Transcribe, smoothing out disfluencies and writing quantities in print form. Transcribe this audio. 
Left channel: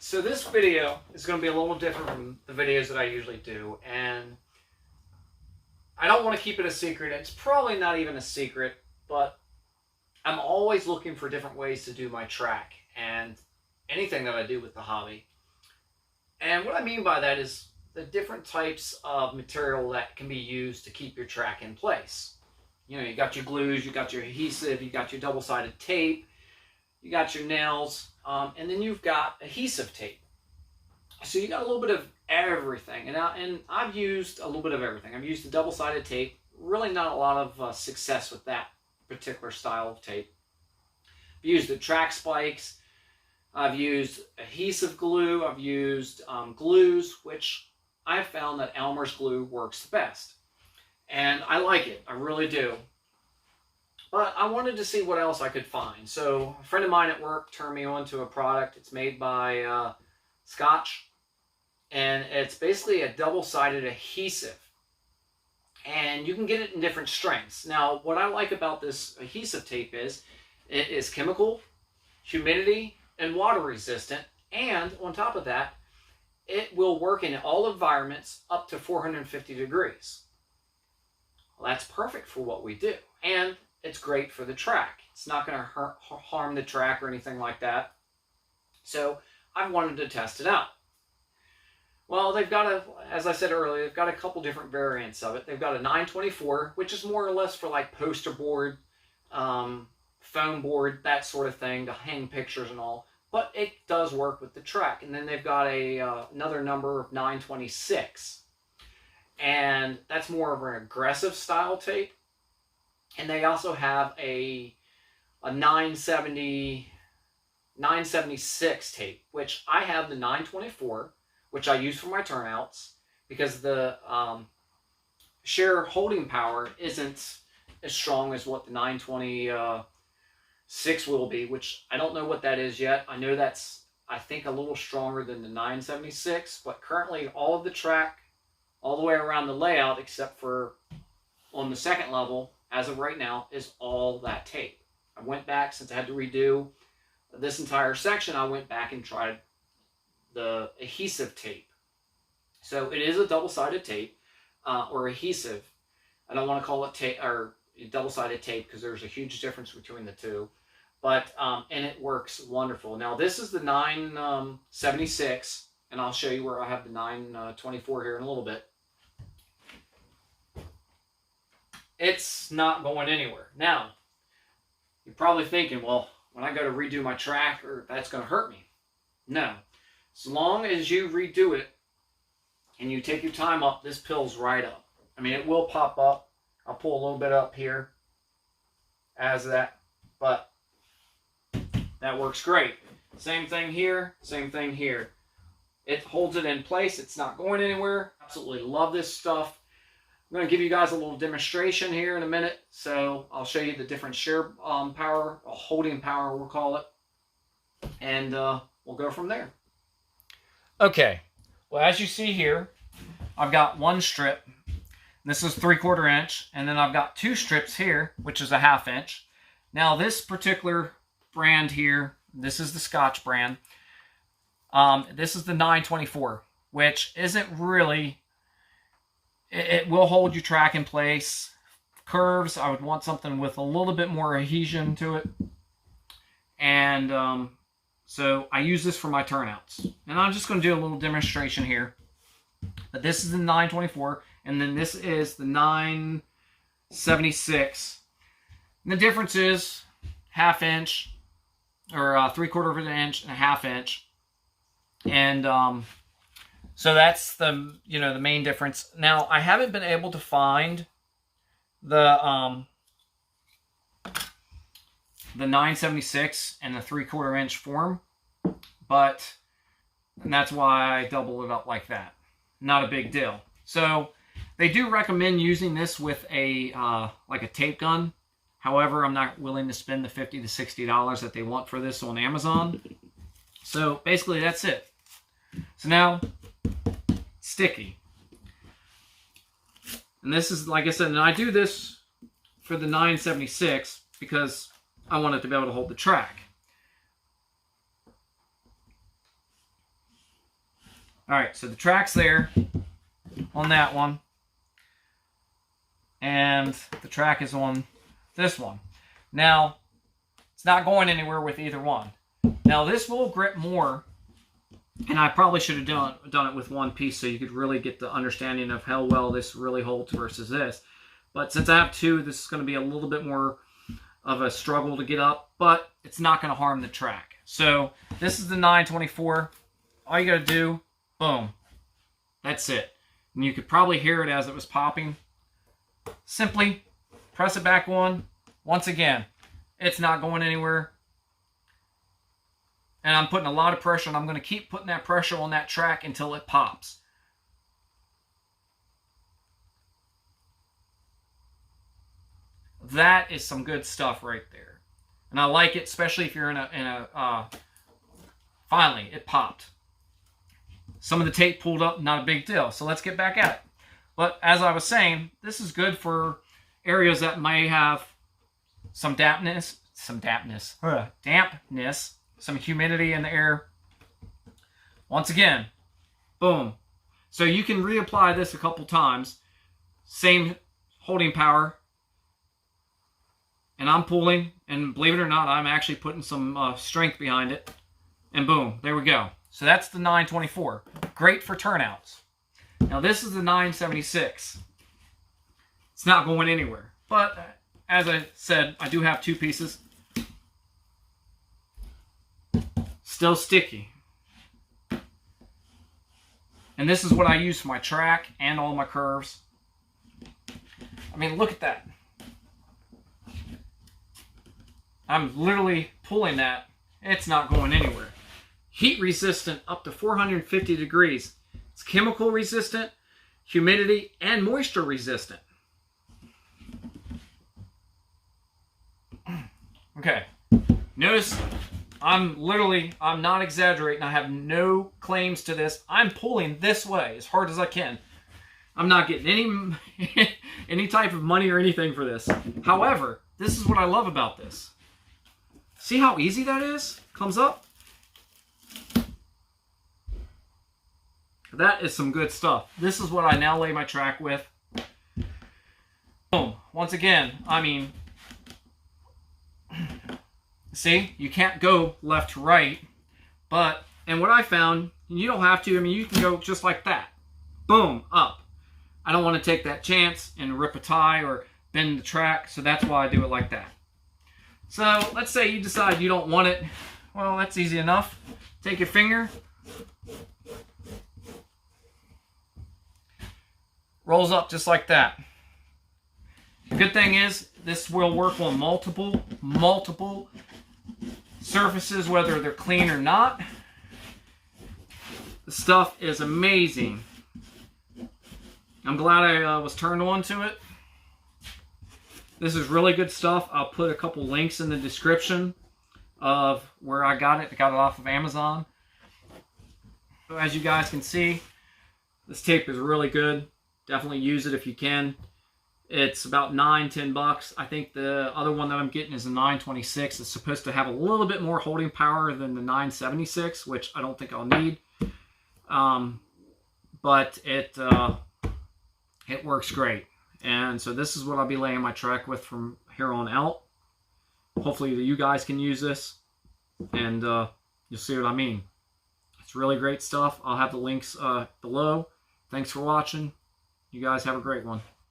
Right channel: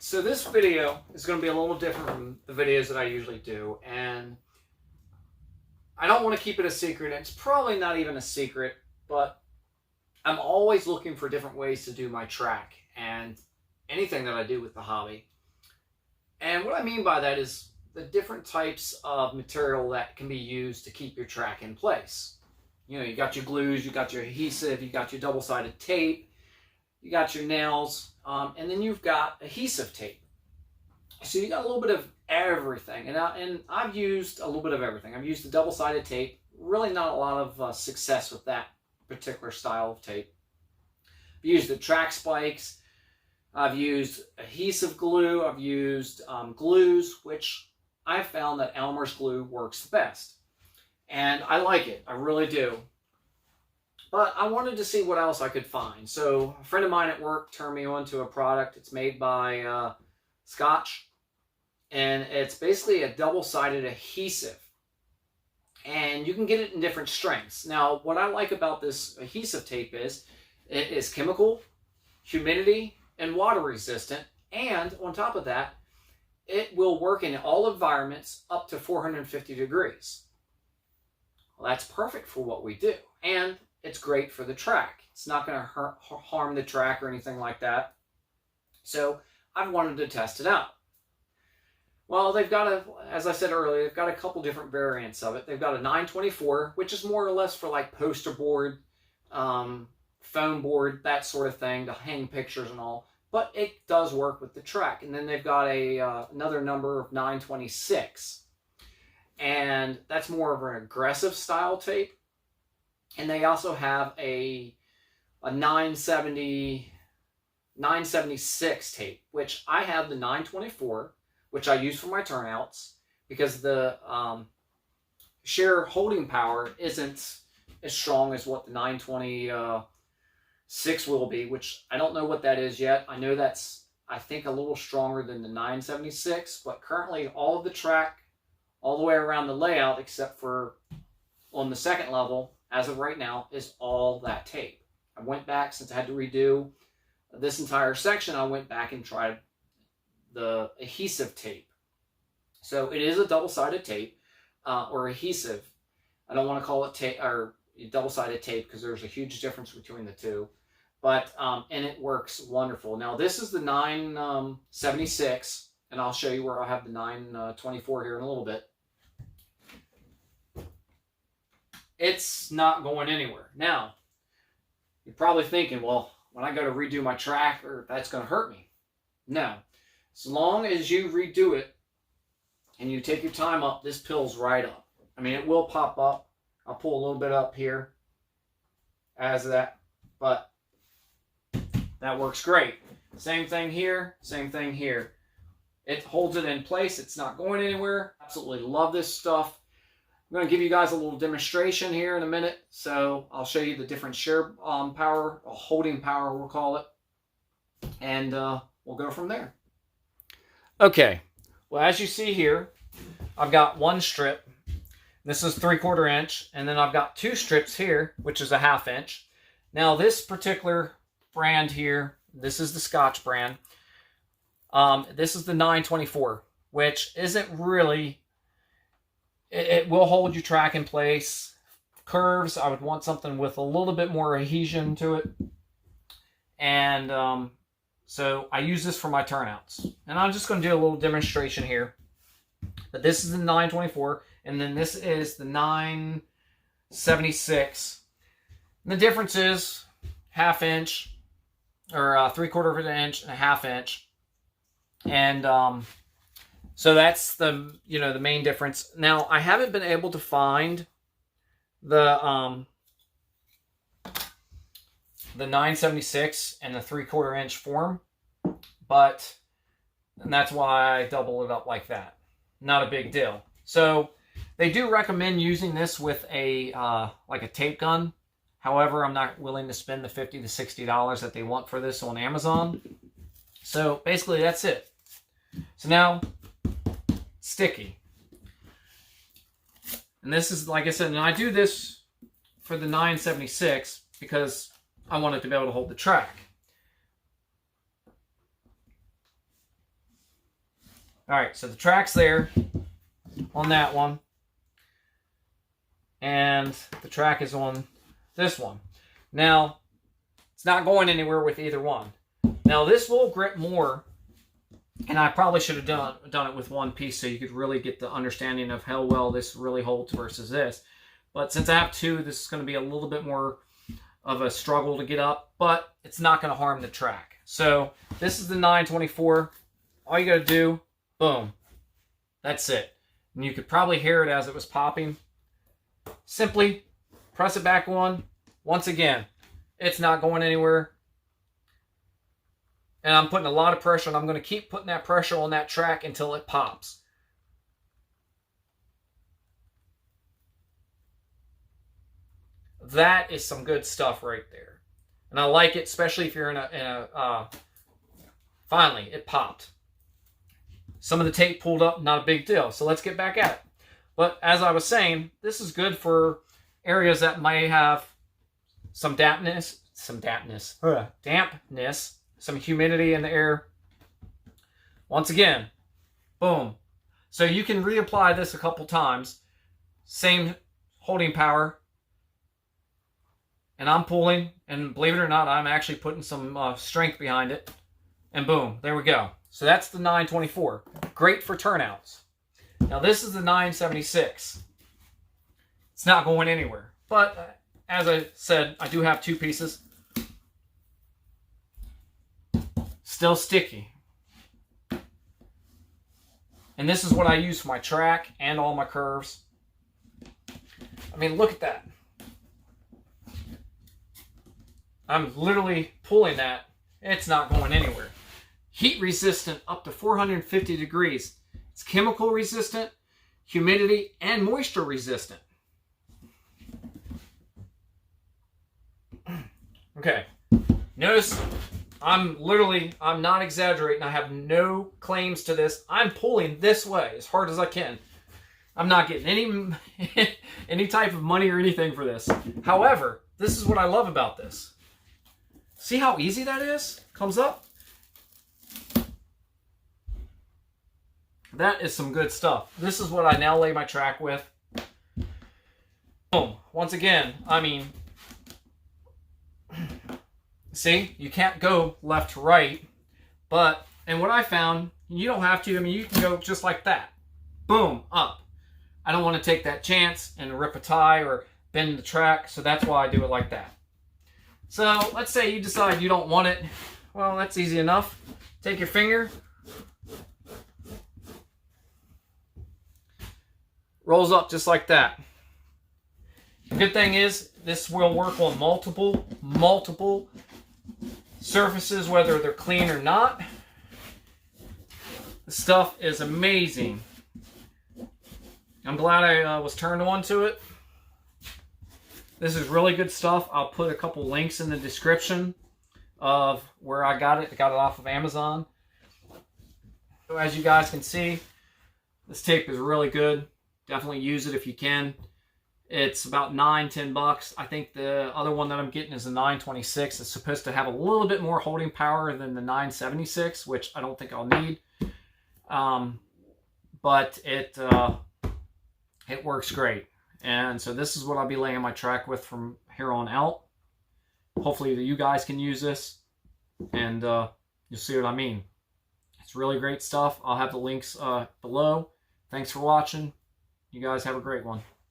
Alright, so this video is going to be a little different from the videos that I usually do, and I don't want to keep it a secret. It's probably not even a secret, but I'm always looking for different ways to do my track and anything that I do with the hobby. And what I mean by that is the different types of material that can be used to keep your track in place. You know, you got your glues, you got your adhesive, you got your double-sided tape, you got your nails, and then you've got adhesive tape. So you got a little bit of everything, and I've used a little bit of everything. I've used the double-sided tape. Really not a lot of success with that particular style of tape. I've used the track spikes. I've used adhesive glue. I've used glues, which I've found that Elmer's glue works the best. And I like it. I really do. But I wanted to see what else I could find. So a friend of mine at work turned me on to a product. It's made by Scotch. And it's basically a double-sided adhesive. And you can get it in different strengths. Now, what I like about this adhesive tape is it is chemical, humidity, and water resistant. And on top of that, it will work in all environments up to 450 degrees. Well, that's perfect for what we do. And it's great for the track. It's not going to harm the track or anything like that. So I wanted to test it out. Well, they've got as I said earlier, they've got a couple different variants of it. They've got a 924, which is more or less for like poster board, foam board, that sort of thing, to hang pictures and all. But it does work with the track. And then they've got another number of 926. And that's more of an aggressive style tape. And they also have a 976 tape, which I have the 924, which I use for my turnouts, because the shear holding power isn't as strong as what the 926 will be, which I don't know what that is yet. I know that's, I think, a little stronger than the 976, but currently all of the track, all the way around the layout, except for on the second level, as of right now, is all that tape. I went back, since I had to redo this entire section, I went back and tried the adhesive tape. So it is a double-sided tape, or adhesive. I don't want to call it tape or double-sided tape because there's a huge difference between the two. But and it works wonderful. Now this is the 976, and I'll show you where I have the 924 here in a little bit. It's not going anywhere. Now, you're probably thinking, well, when I go to redo my track, that's going to hurt me. No. As long as you redo it and you take your time up, this pills right up. I mean, it will pop up. I'll pull a little bit up here as that, but that works great. Same thing here, same thing here. It holds it in place. It's not going anywhere. Absolutely love this stuff. I'm going to give you guys a little demonstration here in a minute. So I'll show you the different shear power, or holding power we'll call it. And we'll go from there. Okay, well, as you see here, I've got one strip. This is 3/4 inch. And then I've got two strips here, which is a 1/2 inch. Now this particular brand here, this is the Scotch brand. This is the 924, which isn't really... It will hold your track in place. Curves, I would want something with a little bit more adhesion to it. And so I use this for my turnouts. And I'm just going to do a little demonstration here. But this is the 924, and then this is the 976. And the difference is 1/2 inch, or 3/4 of an inch and a 1/2 inch. And so that's the main difference. Now, I haven't been able to find the 976 and the 3/4 inch form, and that's why I double it up like that. Not a big deal. So they do recommend using this with a like a tape gun. However, I'm not willing to spend the $50 to $60 that they want for this on Amazon. So basically, that's it. So now, sticky. And this is, like I said, and I do this for the 976 because I want it to be able to hold the track. All right, so the track's there on that one. And the track is on this one. Now, it's not going anywhere with either one. Now, this will grip more, and I probably should have done it with one piece so you could really get the understanding of how well this really holds versus this. But since I have two, this is going to be a little bit more of a struggle to get up, but it's not going to harm the track. So, this is the 924. All you got to do, boom. That's it. And you could probably hear it as it was popping. Simply press it back on. Once again, it's not going anywhere. And I'm putting a lot of pressure, and I'm going to keep putting that pressure on that track until it pops. That is some good stuff right there. And I like it, especially if you're finally, it popped. Some of the tape pulled up, not a big deal. So let's get back at it. But as I was saying, this is good for areas that may have some dampness, some humidity in the air. Once again, boom. So you can reapply this a couple times. Same holding power. And I'm pulling, and believe it or not, I'm actually putting some strength behind it. And boom, there we go. So that's the 924. Great for turnouts. Now this is the 976. It's not going anywhere. But as I said, I do have two pieces. Still sticky. And this is what I use for my track and all my curves. I mean, look at that. I'm literally pulling that. It's not going anywhere. Heat resistant up to 450 degrees. It's chemical resistant, humidity, and moisture resistant. Okay. Notice I'm not exaggerating. I have no claims to this. I'm pulling this way as hard as I can. I'm not getting any type of money or anything for this. However, this is what I love about this. See how easy that is? Comes up. That is some good stuff. This is what I now lay my track with. Boom. Once again, I mean, see, you can't go left to right, and what I found, you don't have to, I mean, you can go just like that. Boom, up. I don't want to take that chance and rip a tie or bend the track, so that's why I do it like that. So, let's say you decide you don't want it. Well, that's easy enough. Take your finger. Rolls up just like that. The good thing is, this will work on multiple surfaces, whether they're clean or not. The stuff is amazing. I'm glad I was turned on to it. This is really good stuff. I'll put a couple links in the description of where I got it. I got it off of Amazon. So as you guys can see, this tape is really good. Definitely use it if you can. It's about $9-10. I think the other one that I'm getting is a 926. It's supposed to have a little bit more holding power than the 976, which I don't think I'll need. But it works great. And so this is what I'll be laying my track with from here on out. Hopefully you guys can use this, and you'll see what I mean. It's really great stuff. I'll have the links below. Thanks for watching. You guys have a great one.